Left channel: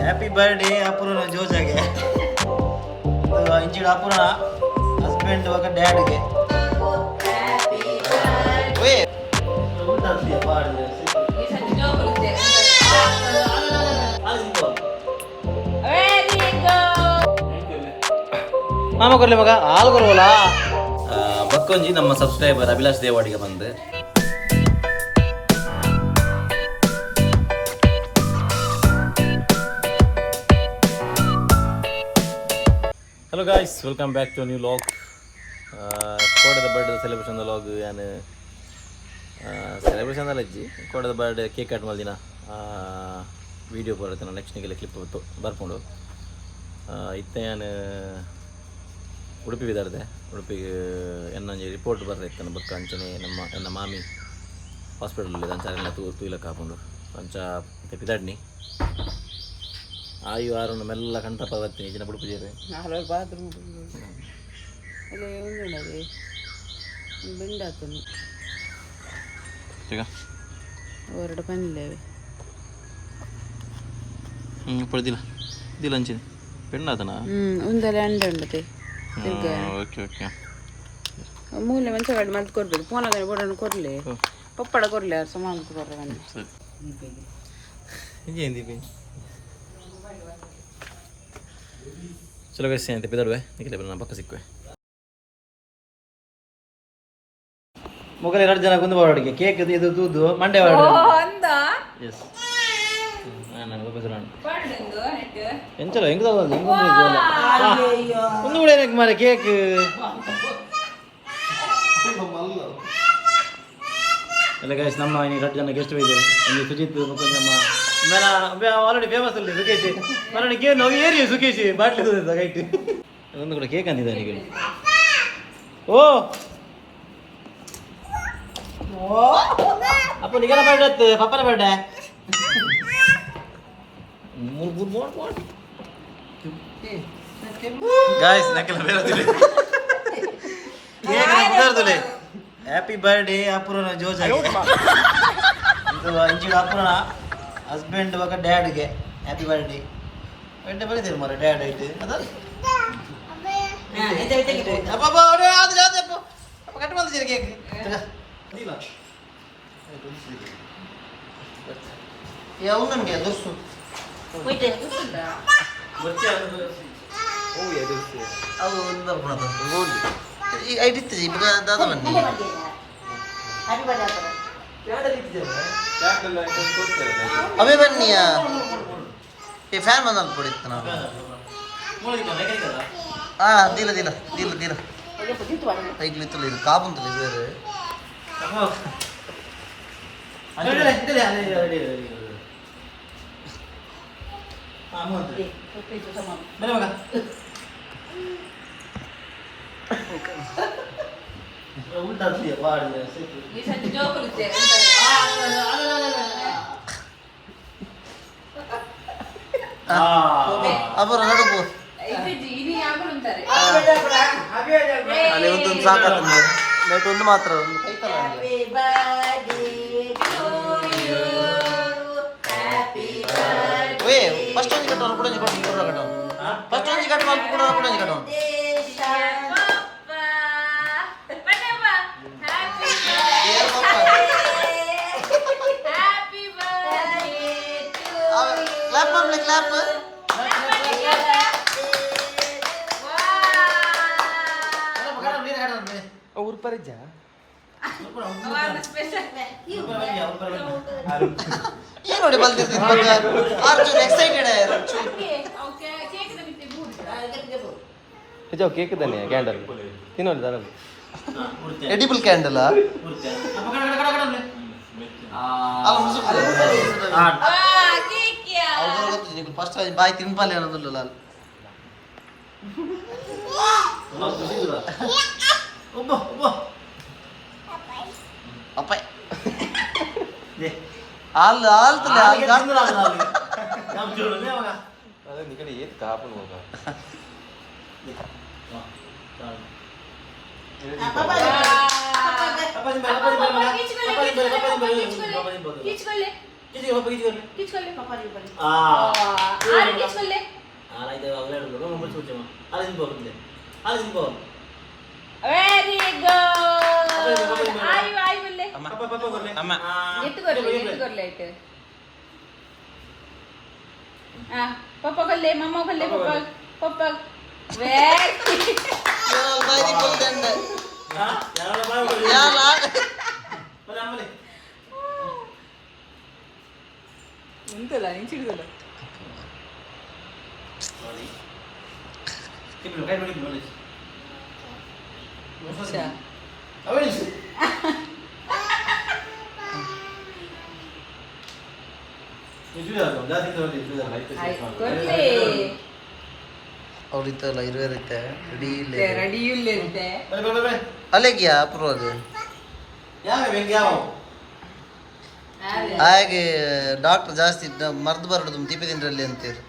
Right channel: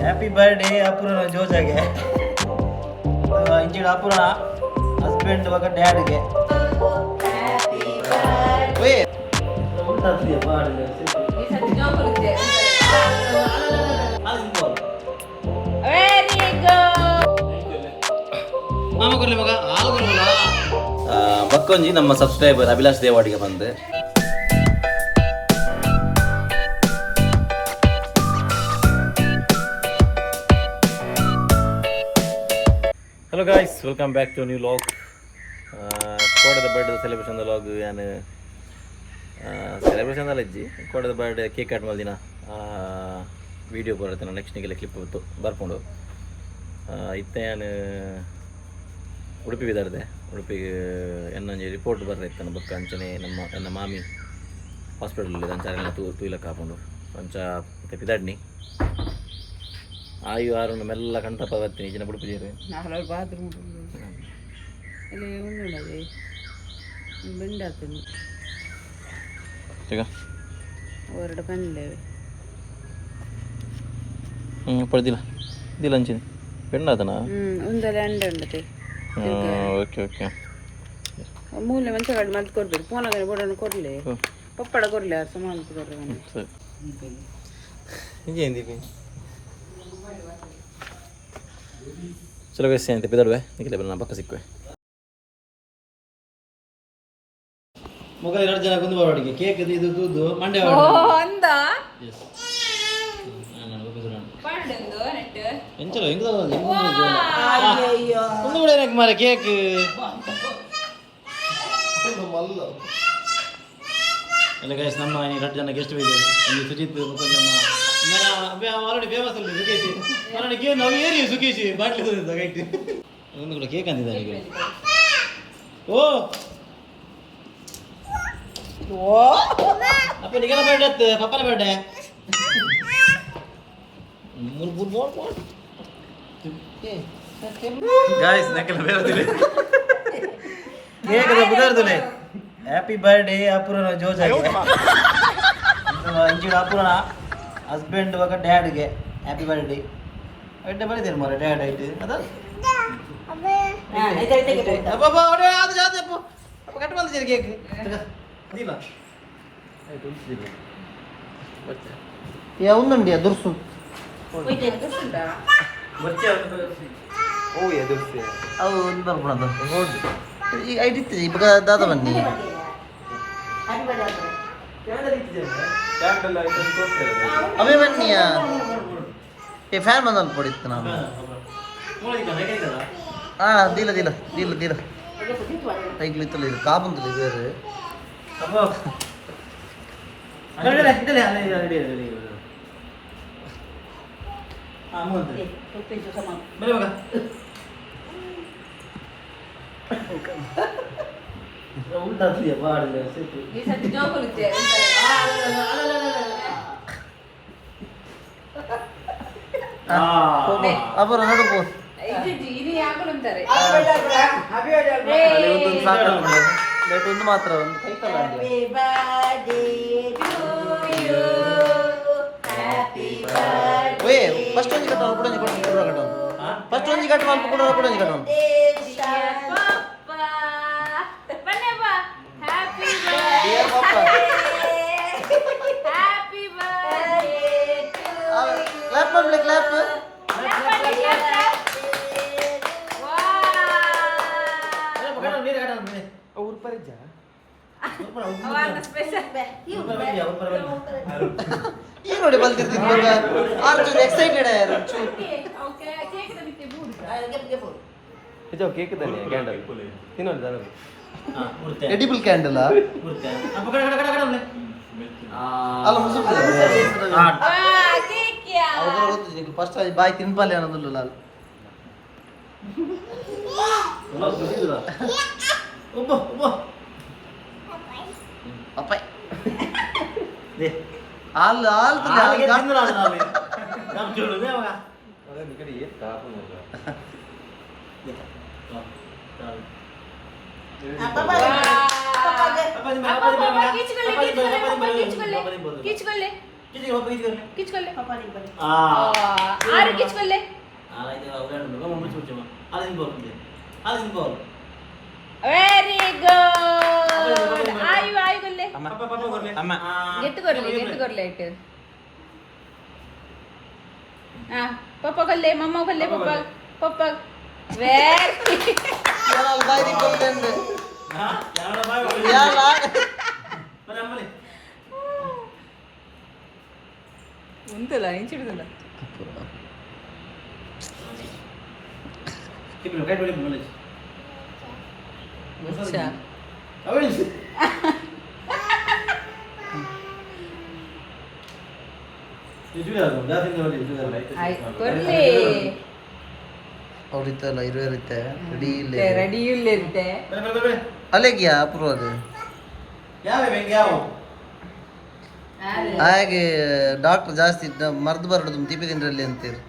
Happy birthday Apoorna ಜೋಜಾಗೆ ಇಂಚಿಡ Apoorna husband ಬಗ್ಗೆ ಡ್ಯಾಡ್ಗೆ ಮಾಮ ಕೊರ್ಲಿ ಮಗ ಹಾಲು ಕೊರವಲ್ಲ ಬಕ್ಕೊಂಜಿ ನಮ್ಮ ಸಬ್ಸ್ಕ್ರೈಬರ್ ಅಭಿಲಾಷ್ ದೇವಾಡಿಗೆ ಬಂದು hello guys welcome back to new vlog ಕೋಡದ ಬರ್ಡೇ ಸೆಲೆಬ್ರೇಷನ್ ಲಾಗ್ ಏನು ಸೆಲೆಬ್ರೇಷನ್ ಅಲ್ಲ ಅಜ್ಜಿ ಕೋಡದ ಬರ್ಡೇ ಕೇಕ್ ಕಟ್ ಮಾಡಿದಿನ ವೀಡಿಯೋ ಬರುತ್ತೆ ನಾನು ನೆಕ್ಸ್ಟಿಗೆಲ್ಲ ಕ್ಲಿಪ್ ಬರ್ಕೊಂಡು ಇತ್ತೆ ನಾನು ಉಡುಪಿ ಬಿದ್ದಾರ್ದೆ ಉಡುಪಿಗೆ ಎನ್ನೊಂದು ರಿಪೋರ್ಟ್ ಬರ್ರೆ ಬಕ್ಕ ಅಂಚನೆ ನಮ್ಮ ಮಾಮಿ ಹಾಸ್ಪಿಟಲಲ್ಲಿ ಅಂಚಾರ ತೂಲಕ್ಕೆ ಹಾಕೊಂಡು ಅಂಚ ಮತ್ತೆ ಬಿದಾಡ್ನಿ ಆಯು ಆರು ಮೆಲ್ಲ ಕಂಠಪ್ಪ ಬರ್ತೀನಿ ಈಜಿನ ಬುಡುಪುಜೇರು ಬಾತ್ರೂಮ್ ಬೆಂಡಾತನು ಈಗ ಹೊರಡು ಬಂದಿಲ್ಲ ಪಡೆದಿಲ್ಲ ಇದಿಲ್ಲ ಅಂಚಿನಿ ಪೆಣ್ಣಾತನಾ ಒಂದಲ್ಲ ಅಂಡಂಡತೆ ಓಕೆ ಓಕೆ ಮೂಲೆ ಮಂಚ ಕಡೆ ಮತ್ತೆ ಕೊಡ್ಬೇಕು ಫೋನಾಗ ಬೋಡನ್ನು ಕೊಡಲಿ ಪಪ್ಪಡ ಕೊಡಲಿ ಅವ್ರು ಸುಮಾರು ಕೊಡ್ರಿ ಸರಿ ಏನು ದೀಪಿ ಚಲೋ ವಯಸ್ಸೆ ಅಂತ ಬಿದಡುವೆ ನಿಖಿಲ ಬರ ಪಕ್ಕ ಸಿಕ್ಕುವೆ ಮುಗಲ್ 2 ಜನ ಕುಂದು ಬಾಡಿಗೆ ಕೇಕ್ ಇದು ತೂದು ಮಂಡೆ ಬಾಡು ಎಸ್ ಎಂಚಲೋ ಹೆಂಗ್ ಒಂದು ಕೂಡ ಏನಕ್ಕೆ ಮಾರೆ ಕೇಕ್ ಎಲ್ಲ ಗೈಸ್ ನಮ್ಮ 2 ಜನ ಗೆಸ್ಟ್ ಇದೆ ಇಲ್ಲಿ ಸುಜಿತ್ ಕೊಂಚಮ್ಮ ಮೇನ ಆಲ್ರೆಡಿ ಫೇಮಸ್ ಅಲ್ಲಿ ಸುಖೇಶಿ ಮರಣ ಕೇಕ್ ನಾವು ಏರಿ ಸುಖೇಶಿ ಬಾಟ್ಲಿ ಗೈಟ್ ಒಂದು ಕೂಡ ಕೇಕ್ ಅಂದಿದ್ದಾರೆ ಈಗ ಓ ಅಪ್ಪ ನಿಗನ ಬರ್ಡೇ ಪಪ್ಪನ ಬರ್ಡೇ ಗಾಯ್ಸ್ ನಕಲ ಬೇರದಿಲ್ಲ ಕೇಕ್ ಬುದರ್ದುಲೆ ಹ್ಯಾಪಿ ಬರ್ಡೇ ಅಪೂರ್ಣ ಜೋಜಾಗೆ ಇಂಚಿಡ ಅಪೂರ್ಣ ಹಸ್ಬೆಂಡ್ ಬಗ್ಗೆ ಡ್ಯಾಡ್ಗೆ ಹ್ಯಾಪಿ ಬರ್ಡೇ ಬರ್ಡೇ ಬರೀತೇನೆ ಮರ ಡ್ಯಾಡ್ ಐತೆ ಅದ ಕಟ್ ಬಂದಿದ್ದೀರಿ ಕೇಕ್ ಇಲ್ಲ ಯಾವ್ದಂಗೆ ದುರ್ಸು ಅವು ಒಂದು ಬರ್ಕೊಳದು ಹೌದು ಈಗ ಐಡಿತ್ತು ಇವಾಗ ದಾದ ಬನ್ನಿ ಅವೇ ಬನ್ನಿಯ ಏ ಫ್ಯಾನ್ ಬಂದಲ್ಲಿ ಪಡಿತ್ತು ನಾನು ದಿಲ್ಲ ದಿಲ್ಲ ದಿಲ್ಲ ದಿಲ್ಲ ಕೈಗ್ಲಿತ್ತಲ್ಲ ಇದು ಕಾಬುಂತಲ್ಲ ಇದು ಬೇರೆ ಅಪರ ನಡುಪು ಅಲ್ಲಿ ಒಂದೊಂದು ಸಾಕಾಗ್ತದೆ ಲೇಟ್ ಒಂದು ಮಾತ್ರ ಒಂದು ಕೈತಲ್ಲ ಓಯ್ ಫಸ್ಟ್ ಒಂಜಿ ಕಟ್ಟೋನು ಕೂಡ ಕೊಡುವ ಕಟ್ಟೋನು ಫಸ್ಟ್ ಒಂಜಿ ಕಟ್ಟು ಅಲ್ಪ ಕೂಡ ಒಂಜಿ ಕಟ್ಟೋನು ಡಿಯರ್ ಪಪ್ಪ ಕ್ಲಾಪ್ ಮಾಡ್ಲಿ ಕ್ಲಾಪ್ ಏನು ನೋಡಿ ಬಲ್ತಿರ್ತೀನಿ ಮಗ ಅರ್ಜುನ್ ಎಕ್ಸೈಟೆಡ್ ಆಯ್ರು ಇದು ಕೇಕ್ ತಾನೆ ಕ್ಯಾಂಡಲ್ ತಿನ್ನೋದು ಎಡಿಬಲ್ ಕ್ಯಾಂಡಲ್ ಅಲ್ಲ ಮುಸುಕ್ತದೆ ಅವ್ರು ಗೊತ್ತು ಫಸ್ಟ್ ಬಾಯಿ ತಿನ್ಪಲ್ಲಿ ಅನ್ನೋದಿಲ್ಲ ಲಾಲ್ ಅಪ್ಪ ಹಾಲು ಹಾಲು ಆಯ್ತು ಅವರೇ ಮುಚ್ಚು ಮುಚ್ಚಮ್ಮ ಅಲ್ಲಿ ತಿನ್ಬೋದು ಅಲ್ಲಿ ತಿನ್ಬೋದು ವೆರಿ ಗುಡ್ ಅಮ್ಮ ಪಾಪ ಬರ್ಲಿ ಅಮ್ಮ ಎತ್ತು ಕೊರ್ಲೆ ಇಟ್ಟು ಪಪ್ಪ ಕೊಲ್ಲೆ ಮಮ್ಮ ಕೊಲ್ಲೆ ಪಪ್ಪ ಪಪ್ಪ ಯಾಲ ಬಾಯಿ ದಿಪ್ಪಲ್ಕಂಡ ಹಾ ಯಾರ ಬಾಯ್ ಯಾಲ ಬರ ಅಮ್ಮಲಿ ಇಂತಲ್ಲ ಇಂಚಿಡದಲ್ಲ ಕಿಪ್ಪು ಕೈ ಬಿಡಿ ಬಿಡಿ ಅವಳಿ ಅವ್ರಿತ್ತಲ್ಲ ಇರುತ್ತೆ ರೆಡಿ ಇಲ್ಲ ರೆಡಿ ಇಲ್ಲ ಇರುತ್ತೆ ಅಲ್ಲಿಗೆ ಅಪೂರ್ವಾಗ ಯಾವ ಹಾಗೆ ಡಾಕ್ಟರ್ ಜಾಸ್ತಿ ಮರ್ದು ಬರಡು ತಿಪ್ಪಿ ತಿಂದ್ರಲ್ಲಿ ಅಂತೀರಿ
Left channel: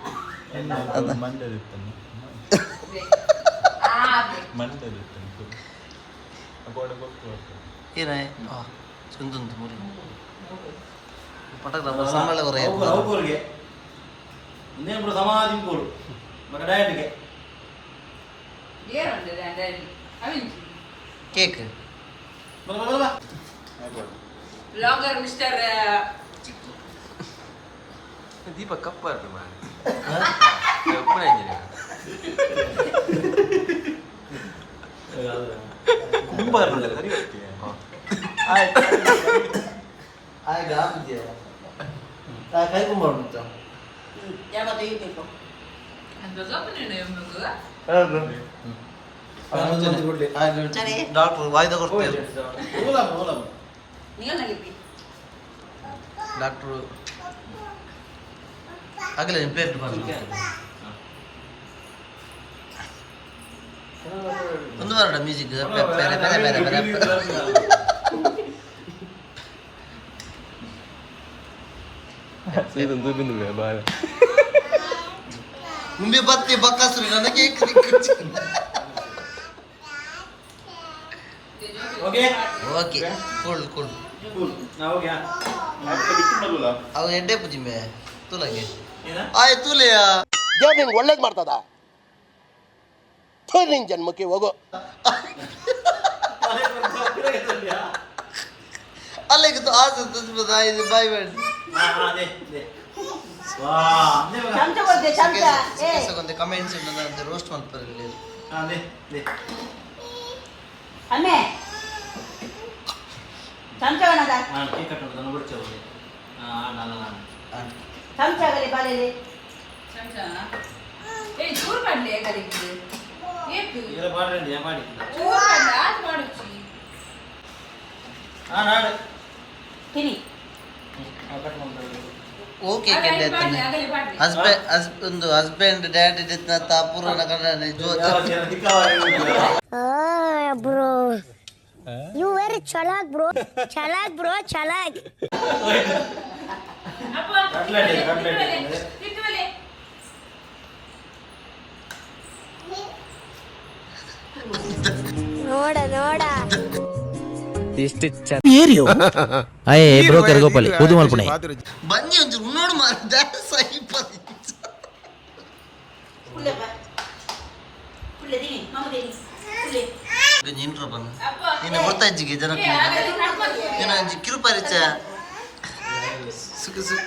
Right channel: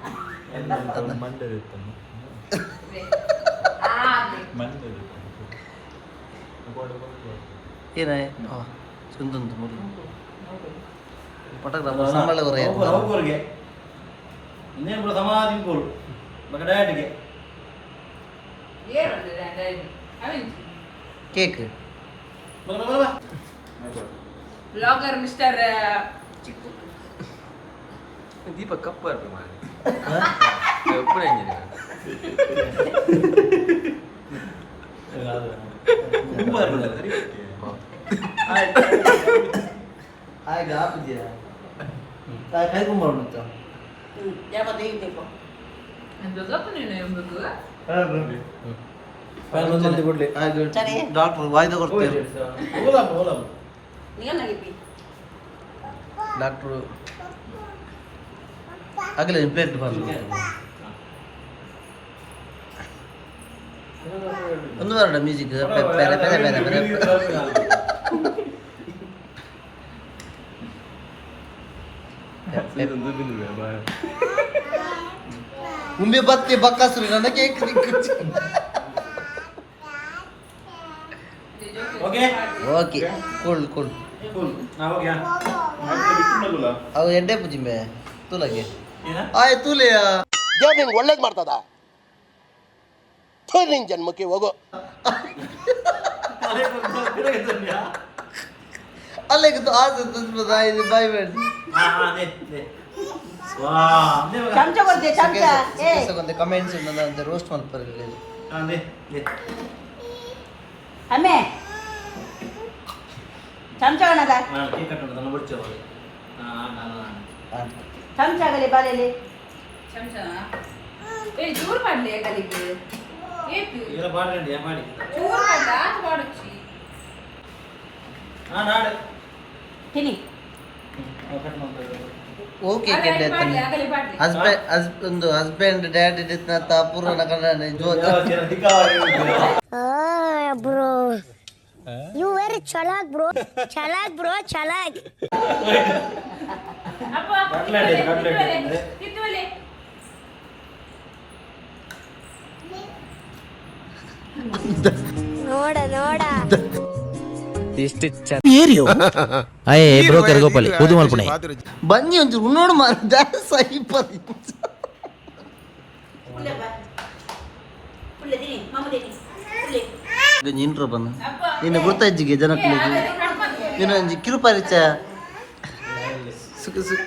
ಏನೇ ಚಂದಂತ ಮುರು ಪಟಕ್ ಸಂಬಳ ಅವ್ರಿಗೆ ಇನ್ನೇನು ಬಿಡು ಸಮಾಧಿ ಕೂರು ಮಗ ಡಯಟ್ಗೆ ಕೇಕ್ ಬರ ಬರ ಬರ ಬ್ಲಾಗರ್ ಮಿಸ್ಟರ್ ಚಿಕ್ಕು ದೀಪ ಕಪ್ಪ ಇರ್ಬೇಕು ಮಾಡಿ ಒಬ್ಬನೇ ತುಂಬ ಆಯ್ತು ಹಾಕಿದ್ಯಾ ಕೈ ಕುಂಬ ಡಾಕ್ಟರ್ ವಾಯ್ದೆ ಕೊಡ್ತೀರಿ ಡಾಕ್ಟ್ರು ಆಗಲೇ ಪ್ಲೇಟ್ ಬರಲ್ಲ ಒಂದು ಬರಡ ಮ್ಯೂಸಿಕ್ ಬೇರೆ ಬೇರೆ ಬೇರೆ ಬೇರೆ ಮುಂಬೆ ಬತ್ತಿ ಬಕ್ಕಾಸುರಿ ನನ್ನ cake okay okay cool cool ನಾ ಹೋಗ್ಯಾ ಅವು ಎಡ್ಡೆ ಪೂಜಿಂಬೆ ತೂಲಗೆ ಏನ ಆಯ್ ತೂಲೆಯ ದೇವ್ರು ನಿಂಗೆ ಒಳ್ಳೇದು ಮಾಡ್ತದ ನಿನ್ ಜನ್ಮಕ್ಕೆ ಹೋಗೋ ಅಲ್ಲಿಗೆ ಆಸೆ ಇದು ಬಾಯ್ ಬೇಡ ಸಿಕ್ಕೇಸಗೊಂದು ಕಮೆಂಟ್ಸ್ ಅಂತ ರೋಸ್ಟ್ ಮಾಡ್ತಾರೆ ಚೂರು ಮಾಡ್ಲಿ ಕಲಿಗೆ ಮಾಡಿ ಚೂರು ಮಾಡ್ಲಿ ಆತ ಮಾಡಚ್ಚಿ ನಾಡು ತಿನಿ ಓಕೆ ಕೆಡ್ಡೆ ಒಂದು ಹಸ್ಬೆಂಡ್ ಡ್ಯಾಡ್ ಇದ್ದ ಪೂರ್ವನ Kannada ಜೋತ bro. You very chalak, bro. Chalak, bro. Chalak. ನೋಡ ನೋಡ ಎಷ್ಟು ಅಯ್ಯೇ ಬ್ರೋಕರ್ ಗೋಪಾಲಿ ಕೂದು ಮಲ್ಪುಣೆ ಬನ್ನಿ ಒಂಚೂರು ನೋಡು ಇಂಟ್ರೋ ಬನ್ನ ನೀನು ಗೊತ್ತಾಯ್ಜಿಗೆ ಜನಕ್ಕೆ ನೀನು ಒಂಜಿ ಕಿರು ಪರಿಚಯ ಸುಖ ಸುಖ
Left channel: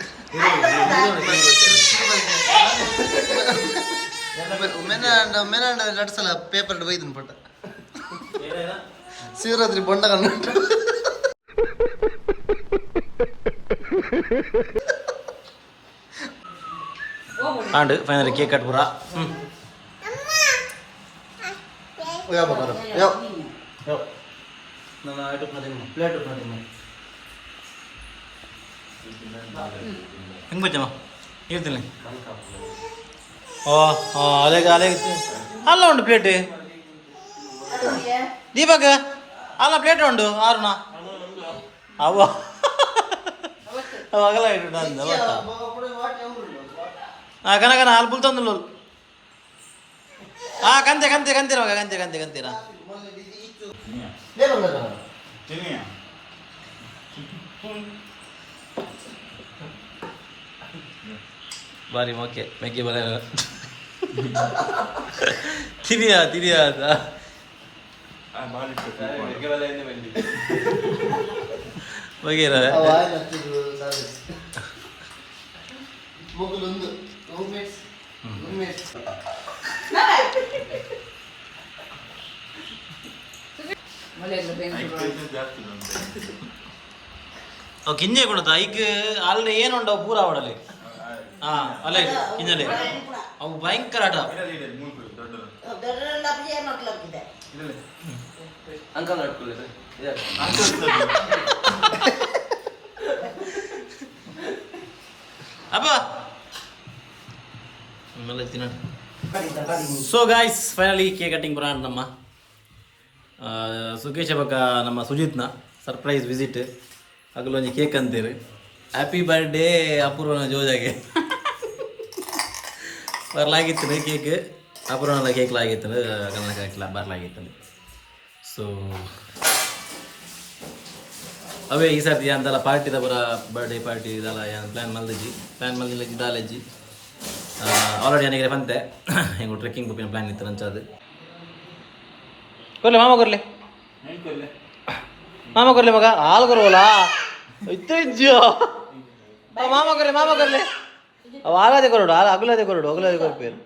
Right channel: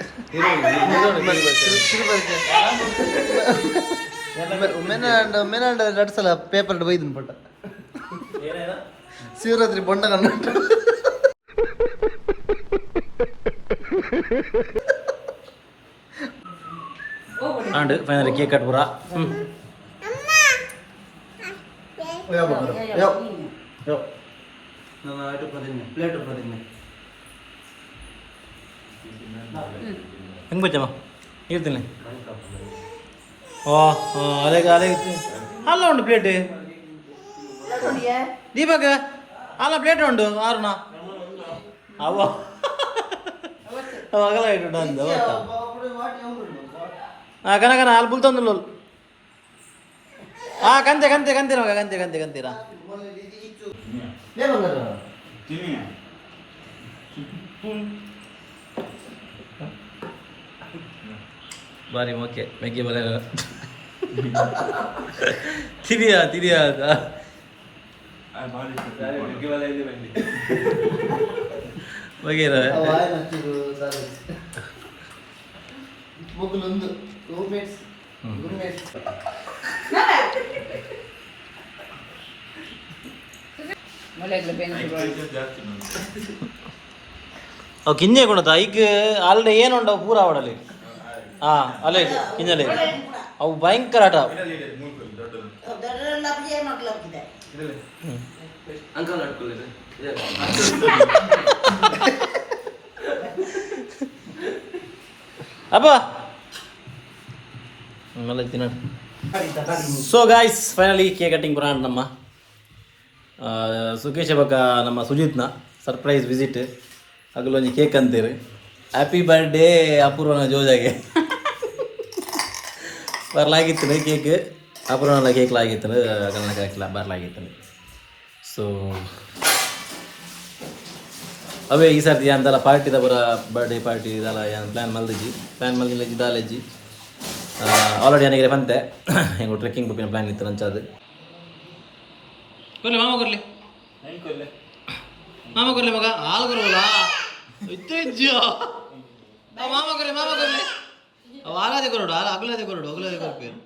ಮೆನಾಂಡ ಎರಡು ಸಲ ಪೇಪರ್ ಬೈದನ್ ಪಟ್ಟ ಶಿವರಾತ್ರಿ ಬೊಂಡ ಕಂಡು ಆಂಡ್ ಫೈನಲಿ ಕೇಕ್ ಕಟ್ ಪೂರ ಹೆಂಗೆ ಬಚ್ಚಮ್ಮ ಇರ್ತೀನಿ ಓ ಅದೇ ಅದೇ ಅಲ್ಲ ಉಂಟು ಪ್ಲೇಟ್ ದೀಪಕ್ ಅಲ್ಲ ಪ್ಲೇಟ್ ಉಂಟು ಆರುಣ ಅವ ಅವಾಗಲ್ಲ ಇಟ್ಟು ಅಂದ ಗೊತ್ತಾ ಕನಕನ ಅಲ್ಲಿ ಬುಲ್ ತಂದು ಕಂತೆ ಕಂತೆ ಕಂತೀರ ಮಗ ಕಂತೆ ಕಂತೆ ಕಂತೀರಾ ಬಾರಿ ಓಕೆ ಮೆಗ್ಗೆ ಬರ ತಿರಿಯ ಬಗೆರ ಅವು ಕಿಂಜೆ ಕೊಡತ್ತ ಈಗ ಅಲ್ಲಿ ಏನುಂಡವು ಪೂರ ಅವಡಲ್ಲಿ ಅಲ್ಲೇ ಕಿಂಜಲೆ ಅವು ಭಯಂಕರ ಆಟ ಅಪ್ಪ so guys finally cake cutting ಬರೋಣ ನಮ್ಮ ಸುಖೇಶ ಬಕ್ಕ ನಮ್ಮ ಸುಜಿತ್ನ ಸರ್ಪ್ರೈಸ್ ವಿಸಿಟ್ ಅಗಲೊಂದು ಕೇಕ್ ಅಂತೀರಿ ಹ್ಯಾಪಿ ಬರ್ಡೇ ಅಪೂರ್ವನ ಜೋಜಾಗೆ ಬರಲಾಗಿತ್ತು ಕೇಕ್ ಅಪೂರ್ವನ ಕೇಕ್ಲಾಗಿತ್ತು ಕನ್ನಡ ಕೇಕ್ಲ ಬರಲಾಗಿತ್ತು ಸೊ ಅವೇ ಈ ಸರ್ತಿ ಅಂತೆಲ್ಲ ಪಾರ್ಟಿದ ಬರ ಬರ್ಡೇ ಪಾರ್ಟಿ ಇದೆಲ್ಲ ಏನು ಪ್ಲ್ಯಾನ್ ಮಲ್ದಿಜ್ಜಿ ದಾಲೆಜ್ಜಿ ಆಲ್ರೆಡಿ ನನಗೆ ಬಂತೆ ಹೆಂಗೆ ಟ್ರೆಕ್ಕಿಂಗ್ ಬುಕ್ಕಿನ ಪ್ಲ್ಯಾನ್ ಇತ್ತು ನಂಚದು ಕೊರ್ಲೆ ಮಾಮ ಕೊರ್ಲೆ ಮಗ ಹಾಲು ಕೊರವಲ್ಲ ಇಜ್ಜೋ ಮಾಮ ಕೊರ್ಲೆ ಅವು ಹಾಲಾದೆ ಕೊರಡು ಅಗಲದೆ ಕೊರಪೇರು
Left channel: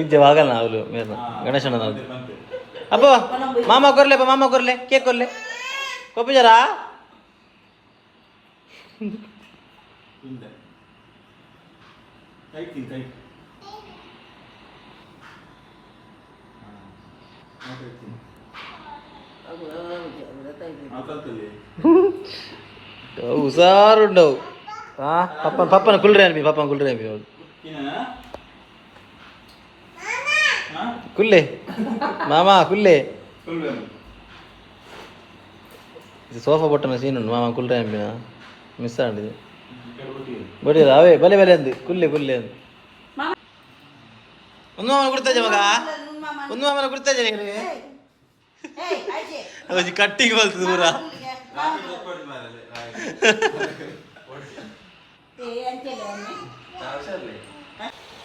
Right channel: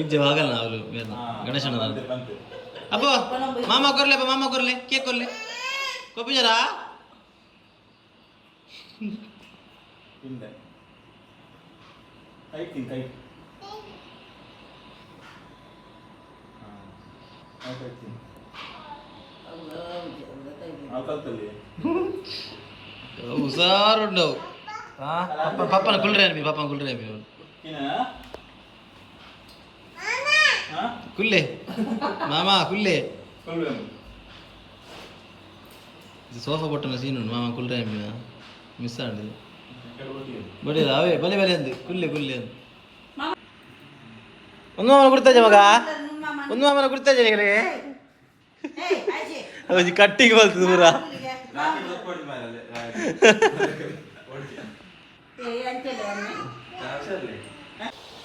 ಇಜ್ಜವಾಗಲ್ಲ ಅವಳು ಮೇರು ಗಣೇಶನ ಅಪ್ಪ ಮಾಮ ಕೊರ್ಲೆ ಕೇಕ್ ಕೊರ್ಲೆ ಕೊಪ್ಪಿಜಾರಾ ಹುಷಾರುಂಡವು ಪಪ್ಪನ ಕುಲ್ರೆ ಕುಲ್ಲೆ ಮಾಮ ಕುಲ್ಲೆ ಇದು ಸೋಫಾ ಬೊಟ್ಟನ ಸೀನ್ ಉಂಟು ಮಾಮ ಕುಲ್ರೆ ಅಂಬಿನ ಮಿಸ್ ಆಡಿದೆ ಬಡಿಯಲ್ಲ ಅವೇ ಬಲೆ ಅಂದು ಕುಲ್ಲೆ ಅಂದು ಒಂದು ಮಾಮನ ಕೊಡ್ತಾಜೆ ಮಗ ಒಂದು ಮಾಮನ ಕೊಡ್ತಾಜೆ ನಿಮಗೆ ಕಟ್ಟಿಗೆ ಬಲ್ತದೆ ಪೂರ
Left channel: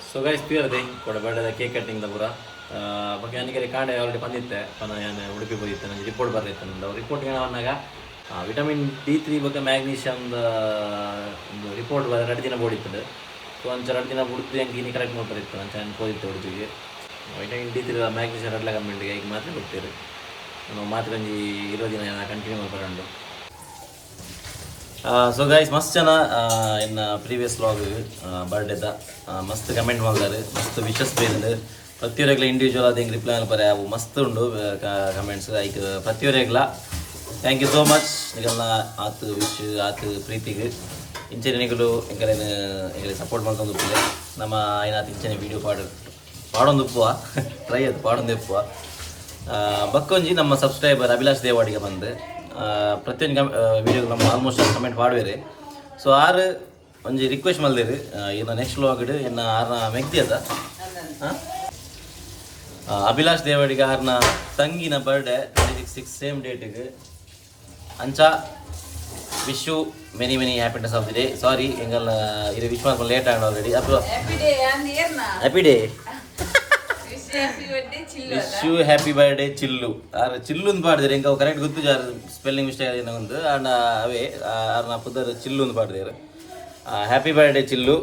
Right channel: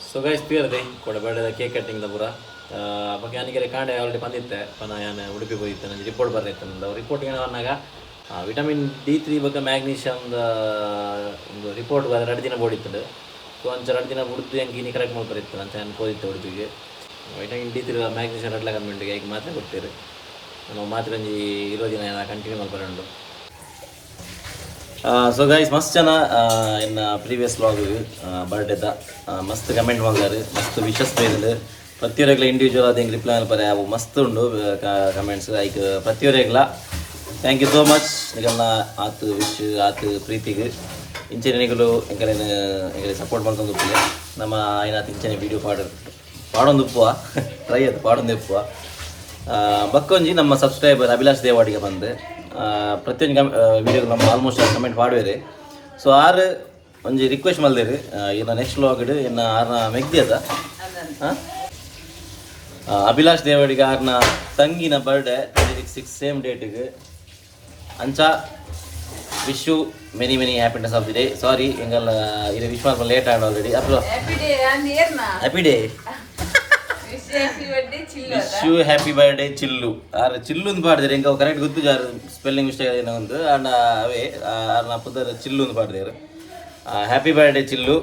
ಸೊ ಗೈಸ್ ತೀರದೆ ಕೊಡಬೇಡದ ಕೇಕ್ ಕಟ್ಟಿಂಗ್ ಪೂರ ಬಗ್ಗೆ ನನಗೆ ಕಾಂಡೆ ಆಲ್ರೆಡಿ ಬಂದಿತ್ತೆ ನಾನು ಉಡುಪಿ ಹೋಗಿದ್ದೆ ನನಗೆ ರಿಪೋರ್ಟ್ ಬರಲಿತ್ತು ನಂದು ರಿಪೋರ್ಟ್ಗೆ ಬಂದಾಗ ವಿಟಮಿನ್ D3 ಬಗ್ಗೆ ಮ್ಯಾಗ್ನೀಷಿಯಮ್ದ ಒಂದು ರಿಪೋರ್ಟ್ ಬರ 2 ದಿನ ಬೋಡಿತ್ತು ಸೊ ಅಂಚ 2 ದಿನ ಬಿಡ್ತು ಹೆಂಗೆ ಇನ್ನು ಕರೆಕ್ಟ್ ಮಾಡಿ ಬರೀತ್ತು ಅಂಚ ನಾನು ಹೋದಿತ್ತೆ ಉಡುಪಿಗೆ ವಿಟಮಿನ್ D3 ಮ್ಯಾಗ್ನೀಷಿಯಮ್ 2 ಕಮ್ಮಿಂಟಿಗೆ ಈಗ ಮಾತ್ರ ಕೊಡ್ತೀರಿ ನಾವು ಮಾತ್ರ ಒಂಜಿ 20 ದಿನ ಕಂಟಿನ್ಯೂ ಮಾಡಿ ಬರೋಣ ಸೊ ಗೈಸ್ ಮಸ್ತ್ ಜನ ಇನ್ನು ಪ್ರೀವಿಯಸ್ ವ್ಲಾಗ್ ಬರ್ಡೇದ ಮಸ್ತ್ ಕಮೆಂಟ್ ಮಾಡಿದಾರೆ ಮಸ್ತ್ ವಿಶಸ್ ಬೇರೆ ಪ್ರತಿಯೊರೆಗ್ಲ ಇಂಡಿವಿಜುವಲ್ ಆದ ಹೆಂಗೆ ರಿಪ್ಲೈ ಅನ್ಪರೆ ಅವು ಮಸ್ತ್ ಉಂಡು ಕಮೆಂಟ್ಸ್ ಐಕ್ ಪ್ರತಿಯೊರೆಗ್ಲ ಥ್ಯಾಂಕ್ ಯು ಸೋ ಮಚ್ ನಿಗಲ್ನ ಆತು ವಿಶ್ ಆತು ಪ್ರೀತಿಗೆ ಇಂಚೆ ನಿಗಲು ಎಂಗಲೆ ಸಪೋರ್ಟ್ ಮಾಡ್ಕೊಂಡು ಉಪ್ಪು ನಮ್ಮ ಏನಾಯ್ತು ಇಂಚನೆ ವೀಡಿಯೋ ಪಾಡೊಂದು ಉಪ್ಪುವ ಟ್ರೈ ಅದು ಪಾಡೊಂದು ಉಪ್ಪುವ ಬಕ್ಕೊಂಜಿ ನಮ್ಮ ಸಬ್ಸ್ಕ್ರೈಬರ್ ಅಭಿಲಾಷ್ ದೇವಾಡಿಗೆ ಬಂದು ಪ್ರತಿಯೊಂದು ವೀಡಿಯೋ ನಮ್ಮ ಆಲ್ಮೋಸ್ಟ್ ಕಮೆಂಟ್ ಮಾಡುವೇರಿ ಸೊ ಆರು ಒಂಜಿ ರಿಕ್ವೆಸ್ಟ್ ಮಲ್ದೇರಿ ಇನ್ನು ನೆಕ್ಸ್ಟ್ ವ್ಲಾಗ್ ಇನ್ನು ಆರ್ನ ಮೆಗ್ದಿ ಅದ ಅಭಿಲಾಷ್ ದೇವಾಡಿಗೆ ಆರ್ನ ತಂಗಿನ ಬರ್ಡೇ 26 ಸೇಮ್ ಡೇಟಿಗೆ ಅಂಚ wish you many happiness of the day sorry ಎಂಗಲ್ಲ ಇದು ವಿಶ್ ಮಾಡ್ಕೊಂಡು ಲೇಟ್ ಆಗಿ ಆಲ್ರೆಡಿ ಅಥವಾ happy day wish you happy birthday ಚಿಲ್ಲು ಆರು ಚಿಲ್ಲುಂದು ಪಾಡಿದ್ರೆ ಹೆಂಗೆ ಅವು ಕರೆಕ್ಟ್ ಗೊತ್ತು ಜಾರು ಸ್ಪೆಲ್ಲಿಂಗ್ ಮಿಸ್ಟೇಕ್ ಏನೋ ಒಂದು ಆ್ಯಂಡ್ ಅವೇ ಆರ್ನ ಪುದರ್ ಚಿಲ್ಲುಂದು ಪಾಡಿದ್ರು ಹ್ಯಾಪಿ ಬರ್ಡೇ ಚಿಲ್ಲು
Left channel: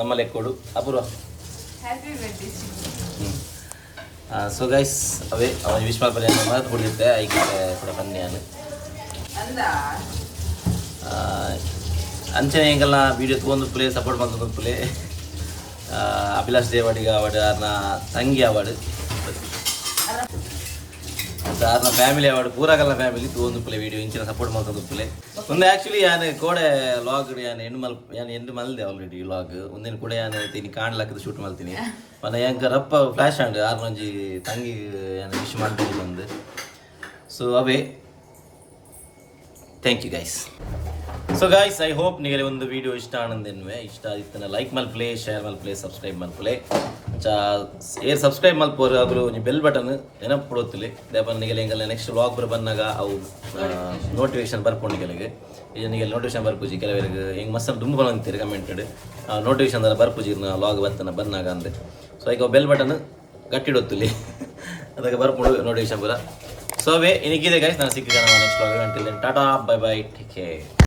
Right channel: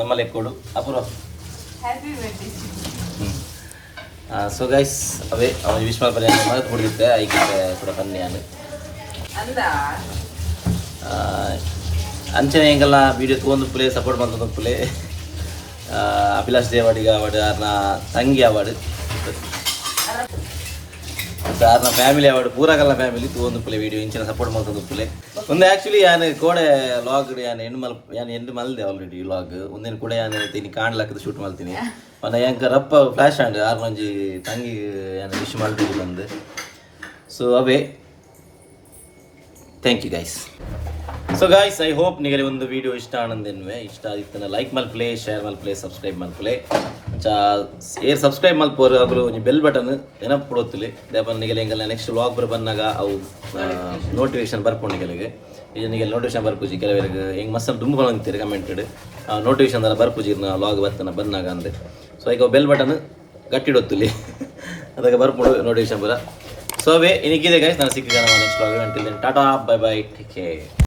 ನಮ್ಮ ಲೆಕ್ಕೋಡು ಅಪೂರ್ವ ಸೊ ಗೈಸ್ ಅದೇ ಅವನು ವಿಶ್ ಮಾಡ್ಬಾರಿ ಮರೆತು ಕೊಡ್ತಿದ್ದೆ ಐಕೆ ಕೂಡ ಬನ್ನಿ ನಾನು ಅಂಚನೆ ಹೆಂಗೆಲ್ಲ ವೀಡಿಯೋ ತೊಗೊಂಡು ಪ್ಲೇ ಸಪೋರ್ಟ್ ಮಾಡ್ಕೊಂಡು ಪ್ಲೇ ಅಭಿಲಾಷ್ ದೇವಾಡಿಗೆ ಅವಾರ್ಡ್ ಆರ್ನ ತಂಗಿ ಅವಾರ್ಡ್ ಮತ್ತು ಆರ್ನ ಫ್ಯಾಮಿಲಿ ಅವಾರ್ಡ್ ಪೂರಾಗಲ್ಲ ಫ್ಯಾಮಿಲಿ ತೊಗೊಂಡು ಪ್ಲೇ ವೀಡಿಯೋ ಇಂಚಿನ ಸಪೋರ್ಟ್ ಮಾಡ್ಕೊಂಡು ಪ್ಲೇ ಒಂದು ಆ್ಯಕ್ಚುಲಿ ಯಾನು ಕೋಡೆ ಲಾಗ್ ಯಾನು ಎಂಡು ಮಲ್ದೆ ಆಲ್ರೆಡಿ ಲಾಗ್ ಒಂದೇನು ಕೂಡ ಯಾನು ತೀನಿ ಕಾಣ್ಲಾಕದ ಶೂಟ್ ಮಾಡ್ತೀನಿ ಮನ ಹೆಂಗೆ ರಪ್ಪ ಫ್ಲ್ಯಾಶ್ ಆಂಡ್ ಆರ್ನೊಂಜಿ ತಂಗಿ ಯಾನು ವಿಶ್ ಮಾಡ್ತೀನಿ ಬಂದು ಸೊ ಅವೇ thank you guys so guys I hope ನಿಮಗೆ ಒಂದು ವಿಡಿಯೋ ಇಷ್ಟ ಆನಂದೇನುವೆ ಇಷ್ಟ ಆಗಿತ್ತು ಲೈಕ್ ಮಲ್ಪ್ಲೇ ಶೇರ್ ಮಲ್ಪ್ಲೇ ಸಬ್ಸ್ಕ್ರೈಬ್ ಮಲ್ಪ್ಲೇ ಏರ್ ಸಬ್ಸ್ಕ್ರೈಬ್ ಮಲ್ಪೋರು ಆಗಲು ನೀವು ಬೆಲ್ ಬಟನ್ ನೆನಪು ಕೊಡೋತ್ತಿಲ್ಲ ದೇಪ ನಿಮಗೆ ಹೆಂಗಲ್ಲ ನೆಕ್ಸ್ಟ್ ವ್ಲಾಗ್ ಬಂದಾಗ ಅವು ನೋಟಿಫಿಕೇಶನ್ ಬರ್ಕೊಂಡು ನಿಮಗೆ ಇದನಿಗೆ ನೋಟಿಫಿಕೇಶನ್ ಬರ್ಪೂಜಿ ಕೆಲವರಿಗೆ ಹೆಂಗೆ ಮಸ್ತ್ ದುಂಬು ಬಂತೀರಿ ಕಮೆಂಟೆಡ್ ನೋಟಿಫಿಕೇಶನ್ ಎಲ್ಲ ಬರ್ಪೂಜಿ ಲಾಗ್ ಬರ್ತಾನೆ ಬಂದಾಗ ಅಂದರೆ ಸೊ ಈಗ ಬೆಲ್ ಬಟನ್ ಗಟ್ಟಿಡೊತ್ತುಲಿ ಅದಕ್ಕೆ ಬರ್ಪುಡು ನೋಟಿಫಿಕೇಶನ್ ಬರ ಸೊ ಅವೇ ಇನ್ನಿಗಿದೆ ಗೈಸ್ ನಾನು ಸಿಕ್ಕಿದ್ದೆ next vlog until then tata bye bye take care.